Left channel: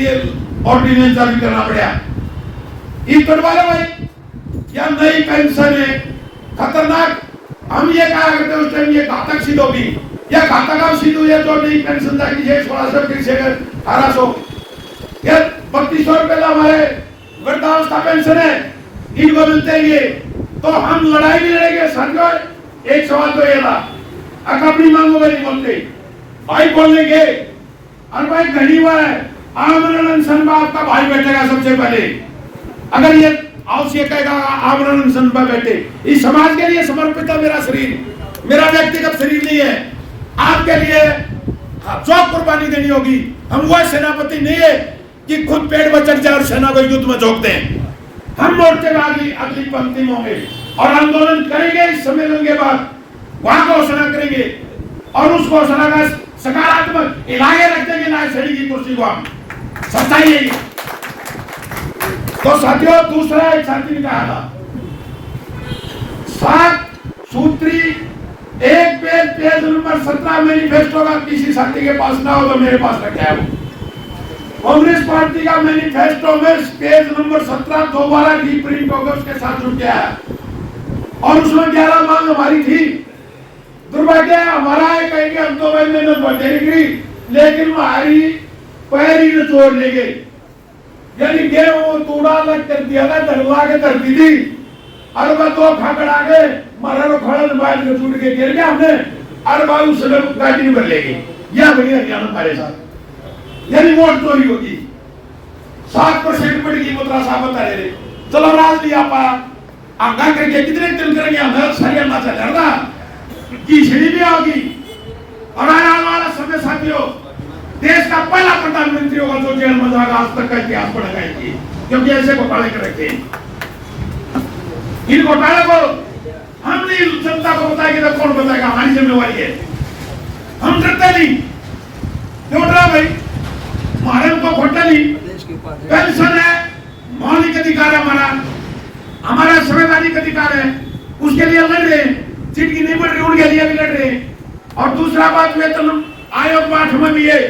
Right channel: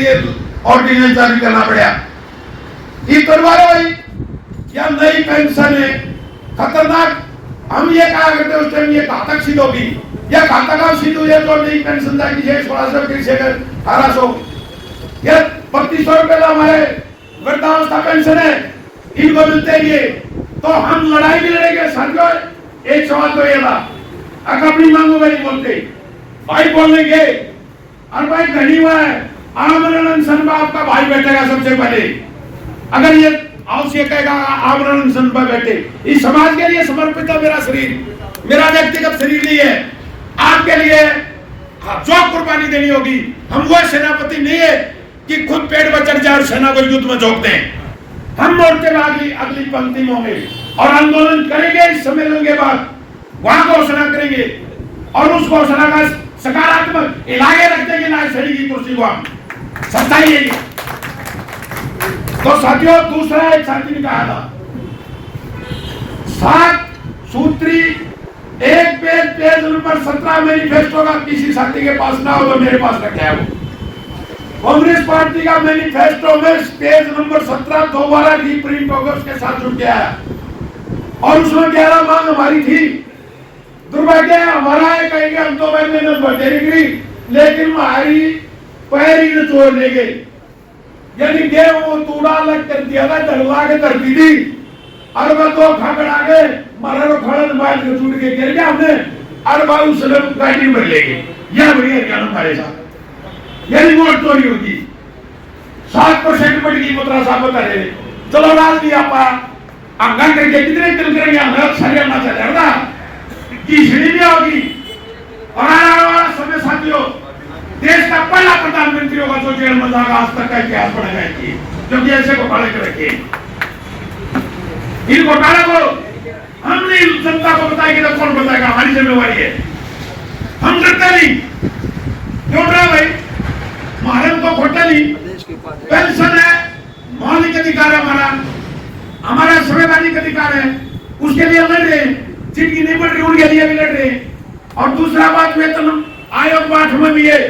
ये ऑर्डिनेंस जारी करना पड़ा। ये करवाओ भाई, क्या नई पेंशन है खतरनाक। हम ये कहा करते उस टाइम ये घातक सिद्ध होगी, ये घातक सिद्ध हुई है। जो नई पेंशन था कि 1600 ये 3200 रुपए का हमारे वृद्धावस्था पेंशन है, इनको मिलते हैं। तो हम लड़ाई भी लड़ेंगे सर। एक सवाल तो ये था, अगर अपनी मांगो भाई बोलते भाई बोलेंगे, और भाई घड़ी हुआ है आमरण अनशन में आपका भाई बैठेगा सबसे पहले। अगर ये आवश्यक कहेगा आमरण अनशन पर बैठे, इस समाज के लिए समर्पित है मेरा शरीर, मेरा व्यक्तिगत शरीर नहीं है। आपके लिए जो कुर्बानी देनी होगी, हम वो सेनापति नहीं है कि खुद पेट पर चढ़ जाए और सेना को युद्ध में झोंक दें। हम मोर्चे में अगली पंक्ति में होंगे और आंदोलन करेंगे। इस सम्मेलन के बाद वहां घोषणा करेंगे और उस घोषणा का सकारात्मक इलाके रख देंगे ना सही की कुर्सी को। हम सच्चाई है ये। तो साथियों, दूसरा एक साथी ने कहा था 7 सूत्री एक पेज नंबर 17 मैनिफेस्टो का किसी साथी के पास ना हो तो मेरे पास तक है। कांग्रेस पार्टी का मैनिफेस्टो में पेज नंबर 17 दोबारा रीप्रिंट होगा, उसके साथ जुड़ गया है और उसमें 11 मांग हमारी थी। दुर्भाग्य हमारा है, कहीं हम तो महीने में बढ़े निकली, लेकिन हमारी पैरी में तोड़ ले गई। यानी गेहूं तूड़ा लग कर दिया था, डलवा के कर दी थी, और मैं तो खगड़ आ गए, मारा तो खड़न मार के टूट के गिर गया हमने, और बाबू सलम गाड़ी में ले गए। यह बढ़िया हरियाणा हमारे साथ, यानी वोट चोरी होगी। 7% बढ़ गई मुद्रा साहब बता रहे, चलो राज दिया पा आंगन करके कितने दिन करेंगे हम हरियाणा से लड़ना की सीढ़ी भी होगी। और आने वाला समय साथियों, देश का पहला प्रधानमंत्री होगा जो जेल में जाएगा, आज तक का इतिहास पढ़ेगा इनकी, क्योंकि ऐसे घोटाले कर रखे। इन घोटाले को हम नहीं जनता को बताएंगे तो कौन बताएगा, हमारी जिम्मेवारी है। हम डरते नहीं, क्यों डरा भाई, हमारे को खोटा नहीं। पेंशन है, मौलिक अधिकार है हमारा संवैधानिक अधिकार है, उसके लिए लड़ रहे हैं। जिनकी नहीं बढ़ रही उनके लिए भी लड़ रहे हैं। और दूसरा बात, वेतन आयोग 8 में भी है,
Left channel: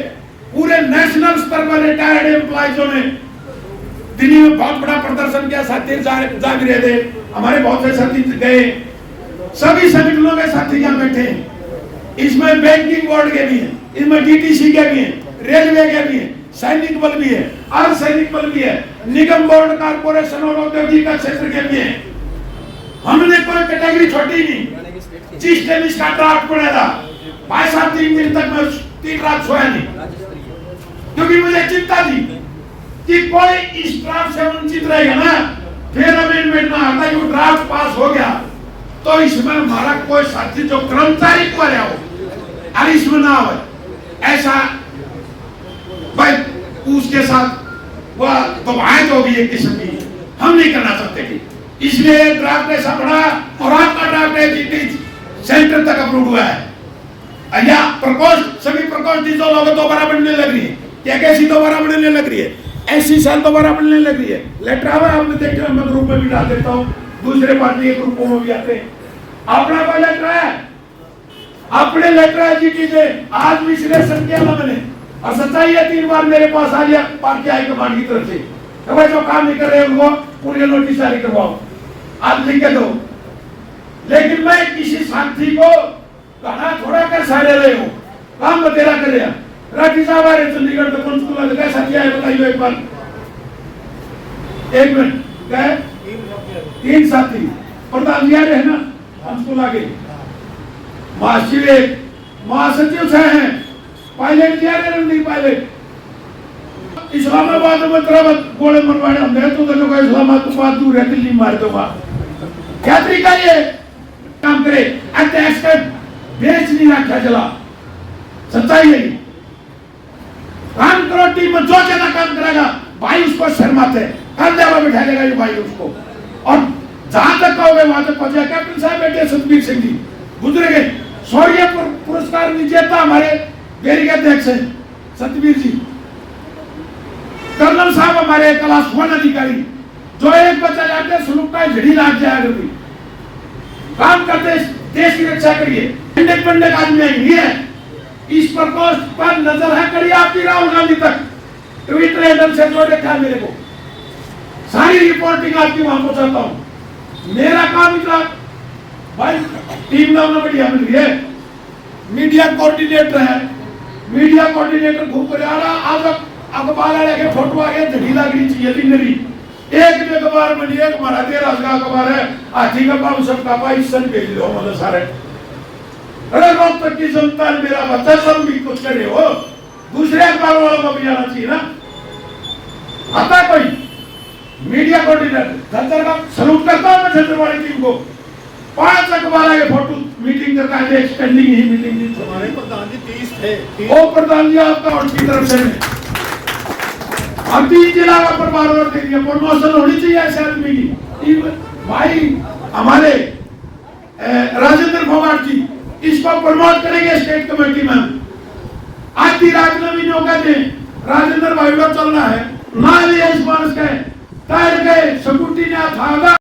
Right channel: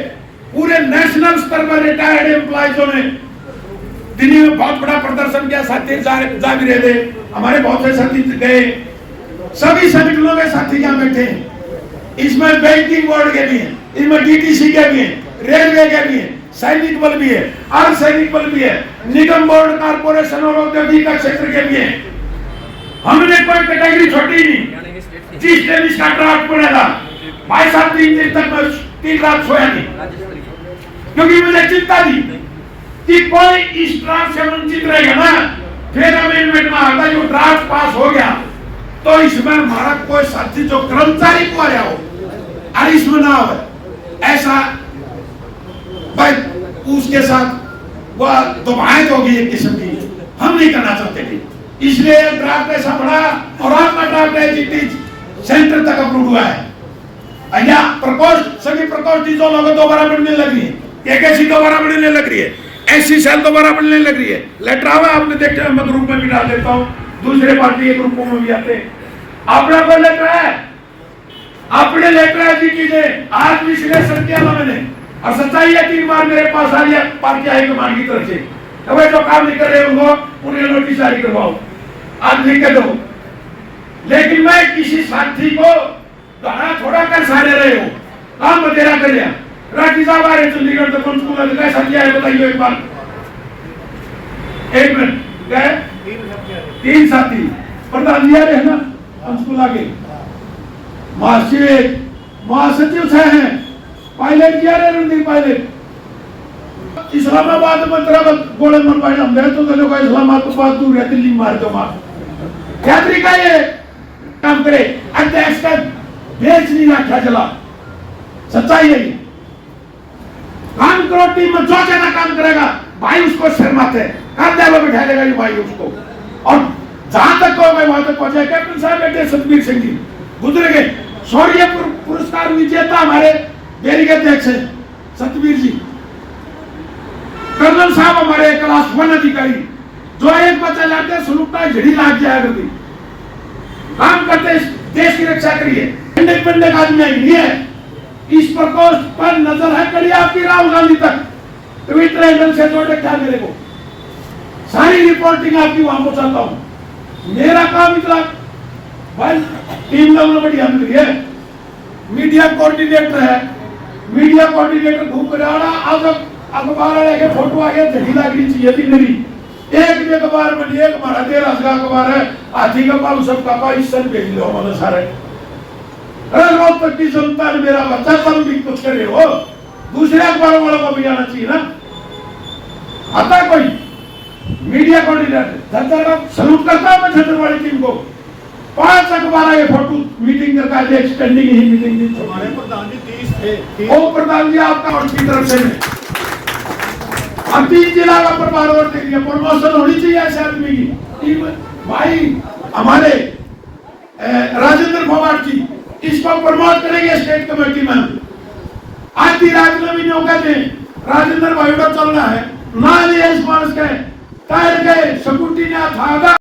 पूरे नेशनल स्तर पर रिटायर्ड एम्प्लॉइजों ने दिल्ली में बहुत बड़ा प्रदर्शन किया। साथी जा भी रहे थे, हमारे बहुत से साथी गए, सभी संगठनों के साथी यहाँ बैठे हैं। इसमें बैंकिंग बोर्ड के भी है, इसमें डीटीसी के भी है, रेलवे के भी है, सैनिक बल भी है, अर्धसैनिक बल भी है, निगम बोर्ड कारपोरेशन और औद्योगिक क्षेत्र के भी है। हमने कोई कैटेगरी छोटी नहीं। जिस दिन इसका ड्राफ्ट पड़ा था भाई साहब 3 दिन तक मैं 3 रात सोया नहीं, क्योंकि मुझे चिंता थी कि कोई इस ड्राफ्ट से वंचित रहेगा ना, फिर अमेंडमेंट में आता जो ड्राफ्ट पास हो गया तो इसमें हमारा कोई साथी जो कर्मचारी को आया हो और इसमें ना हो, ऐसा भाई उसके साथ वह दुभाई जो भी एक किस्म की हम नहीं करना चाहते थे। इसलिए ड्राफ्ट ऐसा पड़ा और आपका ड्राफ्ट है सेंटर तक अप्रूव हुआ है। या प्रकोष्ठ, सभी प्रकोष्ठ जो लोग दोबारा बनने लग रही है, कैकेसी दोबारा बनने लग रही है, ऐसी सेल दोबारा बनने लग रही है। लेटर आवा आपने देखा, मैं ग्रुप में भी डाल देता हूँ, दूसरे पार्टी के ग्रुपों में भी आते हैं। अपना पर लेटर है, अपने लेटर है जी कीजिए। आज विश्लेषण किया मैंने और सच्चाई है, 3 बार मेरे पास आ गया पार्टी हाईकमान की तरफ से, तो भाई जो काम नहीं कर रहे उनको उन्हें नोटिस जारी करवाओ, आज लिख के दो। लेकिन मैं किसी साथी को थोड़ा कर सारे रहे हो, काम बतेरा कर लिया। राठी साहब आ रहे चंडीगढ़ तो कौन स्कूल का साथी आए बताइए एक बार। 1 मिनट, क्या है 3 साथी, प्रधान जी आ रहे हैं ना स्कूल आगे, महासचिव से हैं, पायलट क्या रहे रणदीप पायलट। इस्लामाबाद में तरह गोले मरवाए हम तो दोनों का इस्लामाबाद दूर है, दिल्ली मार दो मार। क्या तरीका ये काम करे, अध्यक्ष का बेच नहीं रखा चला, सच्चाई है। काम करो, टीम में जो ज्यादा काम करेगा भाई उसको शर्माते कंधे पर बिठा देगा ये भाई उसको, और जहां तक कहोगे वहां तक पहुंचे। कैप्टन साहब बेटे सतबीर सिंह जी गुजर गए, शौर्य पुरस्कार विजेता हमारे डेयरी के अध्यक्ष है सतबीर जी। कर्नल साहब हमारे क्लास 1 अधिकारी, जो एक बच्चा लाते सुलगता है झड़ी लाग जाए, काम करते देश की रक्षा करिए। इंडिपेंडेंट आदमी नहीं है, इस प्रकोष्ठ पर नजर है करिए आपकी राहुल गांधी तक, ट्विटर हैंडल से जोड़ रखा है मेरे को, सारी रिपोर्टिंग आपकी वहां पहुंचाता हूं। मेरा काम इतना भाई, टीम लेवल बढ़िया मिल रही है, मीडिया कोऑर्डिनेटर है, मीडिया कोऑर्डिनेटर घूम कर आ रहा। अब अखबार वाले के फोटो आ गया, झड़ी लगनी चाहिए थी मेरी। एक भी अखबार में नहीं, एक हमारा 13 का अखबार है, हाथी का पाप सबका पाकिस्तान भेज लो हमारे सारे। अरे रोज तक की जनता ने मेरा बच्चा सब भी कुछ करे हो, दूसरे अखबार वालों को भी आना चाहिए ना। आता कोई मीडिया कोऑर्डिनेटर धनसर का सलूट करता है मैं छत्रवाड़ी टीम को। 5 अखबार के फोटो मीटिंग करके एक्सटेंडिंग ही मीटिंग नहीं थी। हमारे प्रधान जी 30 थे। ओ प्रधान जी आपका उनकी तरफ से हम 3 जिला का प्रभार और के लिए प्रमोशन होनी चाहिए ऐसे आदमी की। भाई हमारे राजेंद्र भवाट जी इसको प्रमोट करेंगे स्टेट कमेटी में। आज की राज में भी जो कहते राजेंद्र भाई का चलना है ना, इस बार के तैर गए सकुटी ने था